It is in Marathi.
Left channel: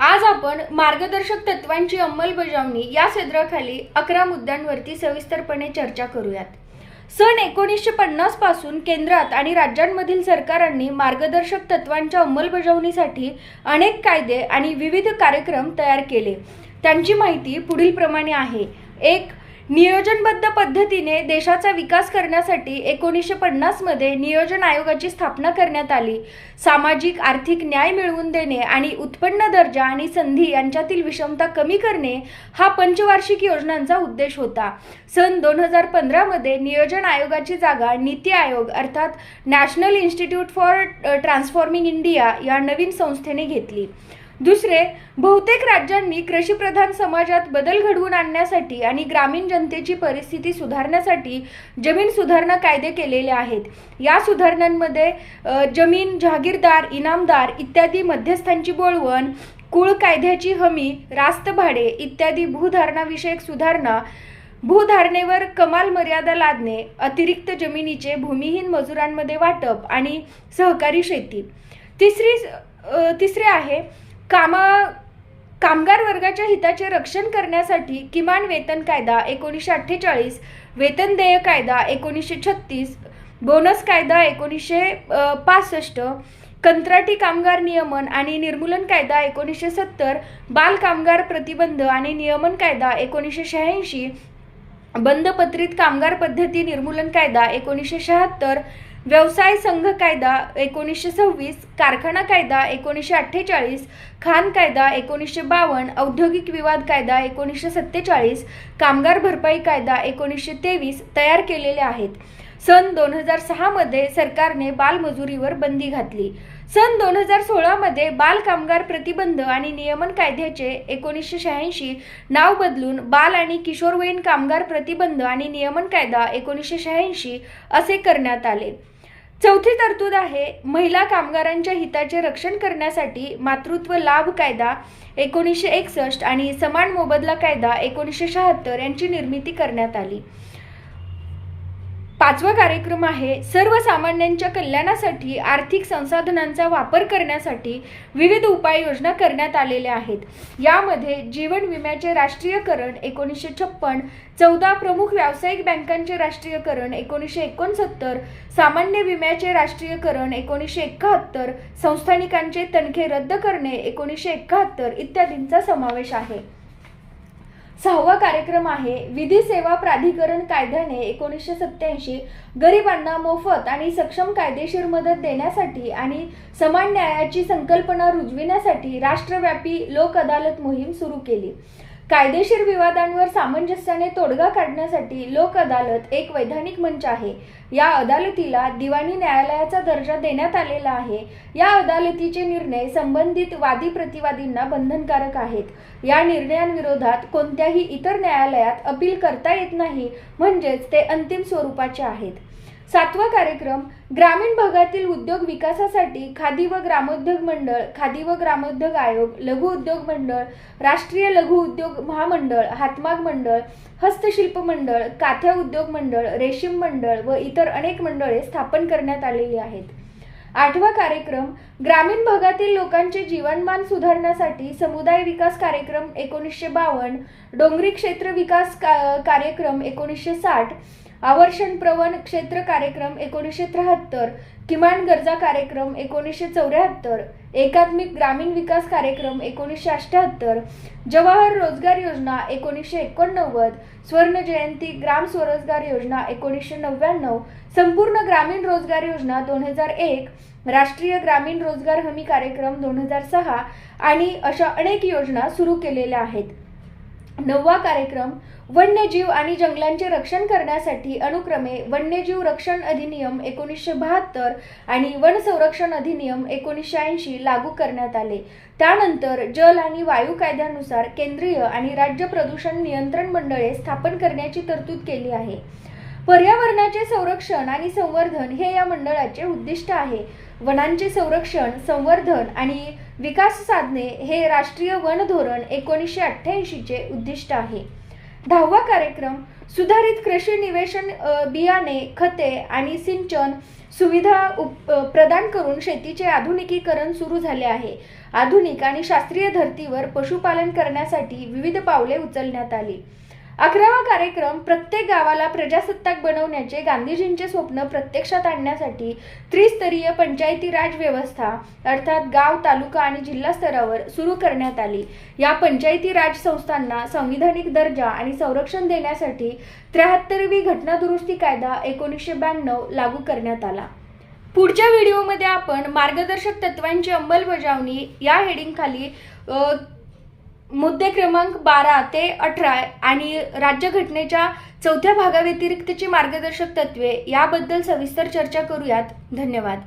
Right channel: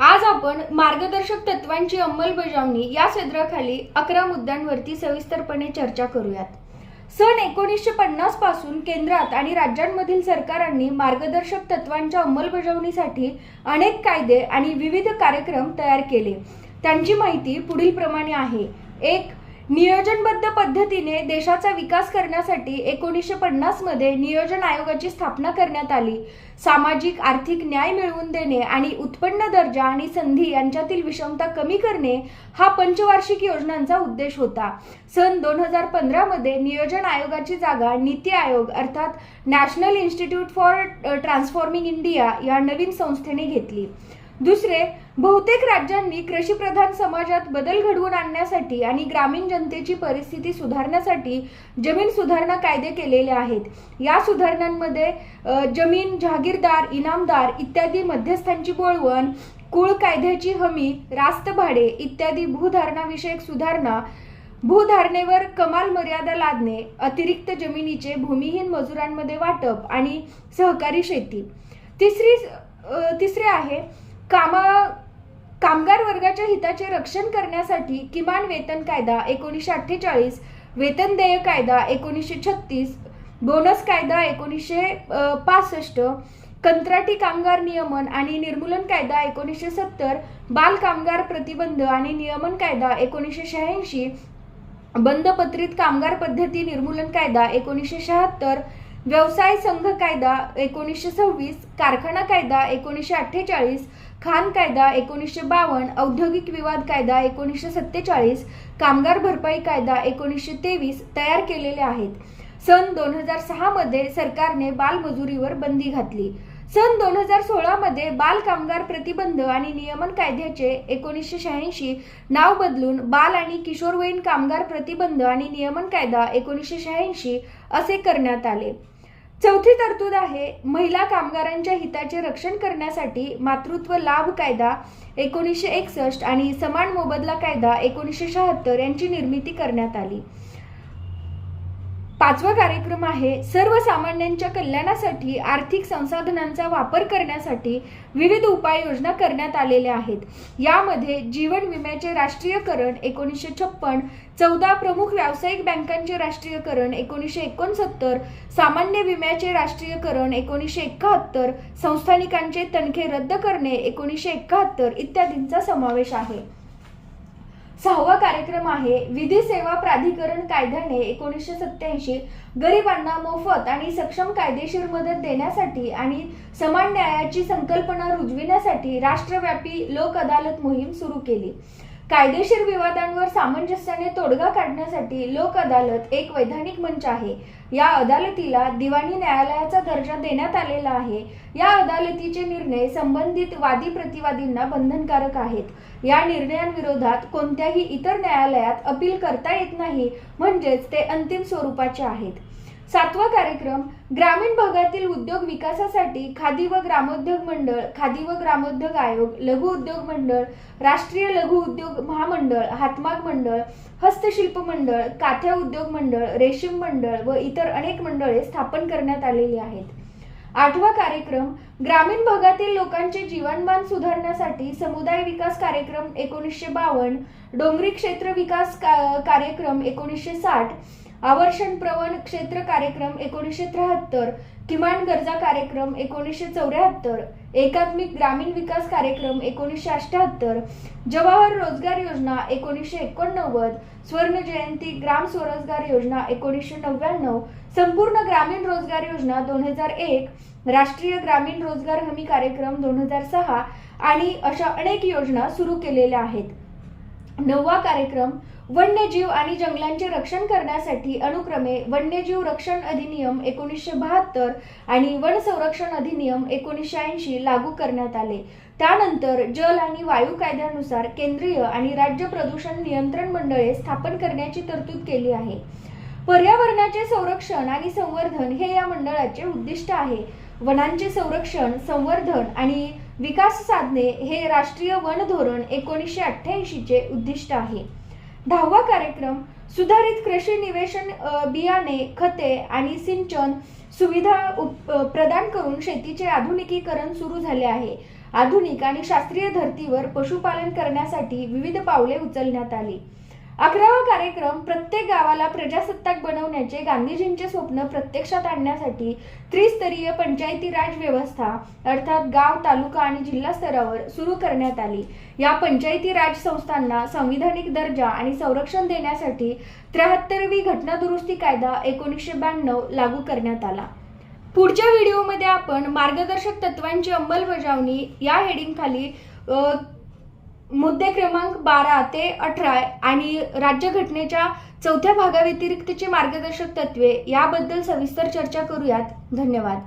आज आपण मार्गदर्शक तत्वांची अंमलबजावणी या सदराखाली अकरा मुद्द्यांवरती सविस्तरपणे चर्चा करूयात. सन एकोणीसशे पन्नासपासून केंद्रात आणि राज्यांमधील सरकारांनी मार्गदर्शक तत्वांच्या अंमलबजावणीसाठी अनेक कायदे आणि विविध कार्यक्रम तयार केले. त्यांची माहिती पुढील प्रमाणे आहे. एक नियोजनबद्ध पद्धतीने देशाचा विकास करण्यासाठी एकोणीसशे पन्नासमध्ये नियोजन आयोगाची स्थापना करण्यात आली. सामाजिक आर्थिक न्याय मिळवून देणे आणि उत्पन्न दर्जा आणि संधी यांच्यातील विषमता कमी करणे हा पंचवार्षिक योजनांचा उद्देश होता. सन दोन हजार पंधरामध्ये नियोजन आयोगाची जागा नीती आयोग अर्थात national institute for transforming India या नवीन संस्थेने घेतली. दुसरे बहुतेक राज्यांनी कृषीप्रधान समाजात बदल घडवून आणण्यासाठी आणि ग्रामीण जनतेची परिस्थिती सुधारण्यासाठी जमीन सुधारणा कायदे केलेले आहेत. या सुधारणांमध्ये जमीन जहागीरदार इनामदार इत्यादी मध्यस्थांची बोळवण कुळ कायद्याची हमी रास्त भाडे इत्यादी भूधारणाविषयक सुधारणा भूधारणेवर कमाल मर्यादा लादणे अतिरिक्त जमिनीचे भूमिहीन मजुरांमध्ये वाटप आणि सहकारी शेती. तिसरी तिसरे आहे कामा कामगार वर्गाच्या हिताचे रक्षण करण्यासाठी किमान वेतन कायदा एकोणीसशे अठ्ठेचाळीस वेतन देय कायदा एकोणीसशे छत्तीस बोनस कायदा एकोणीसशे पासष्ट कंत्राटी कामगार नियमन आणि निर्मूलन कायदा एकोणीसशे सत्तर बाल कामगार प्रतिबंध आणि नियमन कायदा एकोणीसशे शहाऐंशी बंदपत्रित कामगार पद्धती निर्मूलन कायदा एकोणीसशे शहात्तर व्यवसाय संघ कायदा एकोणीसशे सव्वीस कारखाना कायदा एकोणीसशे अठ्ठेचाळीस खान कायदा एकोणीसशे बावन्न औद्योगिक विवाद कायदा एकोणीसशे सत्तेचाळीस कामगार भरपाई कायदा एकोणीसशे तेवीस तयार केलेले आहेत. सन दोन हजार सहामध्ये सरकारने बालमजुरीवर बंदी घातली. सन दोन हजार सोळामध्ये बाल कामगार प्रतिबंध आणि नियमन कायद्याचे एकोणीसशे शहाऐंशी नाव बदलून बाल आणि किशोरवयीन कामगार प्रतिबंध आणि नियमन कायदा एकोणीसशे शहाऐंशी असे करण्यात आले. चौथी तरतूद आहे महिला कामगारांच्या हिताचे रक्षण करण्यासाठी मातृत्व लाभ कायदा एकोणीसशे एकसष्ट आणि समान मोबदला कायदा एकोणीसशे शहात्तर यांची निर्मिती करण्यात आली. पाचवा कार्यक्रम आहे सर्वसामान्यांच्या कल्याणासाठी आर्थिक संसाधनांचा वापर करण्यासाठी विविध उपाययोजना करण्यात आलेल्या आहेत. यामध्ये जीवन विम्याचे राष्ट्रीयकरण एकोणीसशे छप्पन चौदा प्रमुख व्यावसायिक बँकांचे राष्ट्रीयकरण एकोणीसशे एकोणसत्तर सामान्य विम्याचे राष्ट्रीयकरण एकोणीसशे एकाहत्तर संस्थानिकांचे तणखे रद्द करणे एकोणीसशे एकाहत्तर इत्यादींचा समावेश आहे. सहावा कार्यक्रम आहे विधी सेवा प्राधिकरण कायद्याने एकोणीसशे सत्याऐंशी गरिबांना मोफत आणि सक्षम कायदेशीर मदत देण्यासाठी आणि समान न्यायाची संकल्पना रुजविण्यासाठी राष्ट्रव्यापी लोक अदालत मोहीम सुरू केली. कायदेशीर विवादांवर सामंजस्याने तोडगा काढण्यासाठी लोक अदालत एक वैधानिक मंच आहे. या अदालतीला दिवाणी न्यायालयाचा दर्जा देण्यात आलेला आहे. या अदालतीचे निर्णय संबंधित वादी प्रतिवादींना बंधनकारक आहेत. या निर्णयांविरोधात कोणत्याही इतर न्यायालयात अपील करता येत नाही. म्हणजेच ते अंतिम स्वरूपाचे आहेत. सातवा कार्यक्रम ग्रामीण भागातील उद्योग विकासासाठी खादी व ग्रामोद्योग मंडळ खादी व ग्रामोद्योग आयोग लघु उद्योग मंडळ राष्ट्रीय लघु उद्योग महामंडळ हातमाग मंडळ हस्तशिल्प मंडळ काथ्या उद्योग मंडळ रेशीम मंडळ व इतर अनेक मंडळे स्थापन करण्यात आलेली आहेत. आठवा कार्यक्रम ग्रामीण भागातील लोकांचे जीवनमान सुधारण्यासाठी समुदाय विकास कार्यक्रम एकोणीसशे बावन्न डोंगरी क्षेत्र विकास का- कार्यक्रम एकोणीसशे साठ आवर्षण प्रवण क्षेत्र कार्यक्रम एकोणीसशे त्र्याहत्तर किमान गरजा कार्यक्रम एकोणीसशे चौऱ्याहत्तर एकात्मिक ग्रामीण विकास कार्यक्रम एकोणीसशे अठ्ठ्याहत्तर जवाहर रोजगार योजना एकोणीसशे एकोणनव्वद स्वर्ण जयंती ग्राम स्वरोजगार योजना एकोणीसशे नव्याण्णव संपूर्ण ग्रामीण रोजगार योजना दोन हजार एक राष्ट्रीय ग्रामीण रोजगार हमी कार्यक्रम दोन हजार सहा आणि अशा अनेक योजना सुरू केलेल्या आहेत. नववा कार्यक्रम वन्यजीव आणि जंगलांचे रक्षण करण्यासाठी अनुक्रमे वन्यजीव रक्षण अधिनियम एकोणीसशे बहात्तर आणि वन संरक्षण अधिनियम एकोणीसशे ऐंशी लागू करण्यात आले. त्यानंतर जल आणि वायू कायद्यानुसार केंद्रीय आणि राज्य प्रदूषण नियंत्रण मंडळे स्थापन करण्याची तरतूद केली आहे. पर्यावरणाचे संरक्षण आणि संवर्धन हे या मंडळाचे उद्दिष्ट आहे. वनांचे संरक्षण संवर्धन आणि विकास साधणे हे राष्ट्रीय वन धोरण एकोणीसशे अठ्ठ्याऐंशीचे उद्दिष्ट आहे. दहावा कार्यक्रम सुधारित कृषी निवेशन बियाणे खते आणि सिंचन सुविधा उप- प्रदान करून शेतीचे आधुनिकीकरण सुरू झाले आहे. आधुनिक आणि शास्त्रीय धर्तीवर पशुपालन करण्यासाठी विविध पावले उचलण्यात आली. अकरावा कार्यक्रम प्रत्येक गावाला प्रजासत्ताक बनवण्याचे गांधीजींचे स्वप्न प्रत्यक्षात आणण्यासाठी त्रिस्तरीय पंचायती राज व्यवस्था अर्थात गाव तालुका आणि जिल्हा स्तरावर सुरू करण्यात आली. या पंचायती राज संस्थांना संविधानिक दर्जा आणि संरक्षण देण्यासाठी त्र्याहत्तरवी घटना दुरुस्ती कायदा एकोणीसशे ब्याण्णव लागू करण्यात आला. पुढच्या व्हिडिओमध्ये आपण मार्गदर्शक तत्वांची अंमलबजावणी या हेडिंगखाली मुद्दे क्रमांक बारा ते अठरा आणि राज्यघटनेच्या चौथ्या भागाव्यतिरिक्तची मार्गदर्शक तत्वे याबद्दल सविस्तर चर्चा करूयात. धन्यवाद.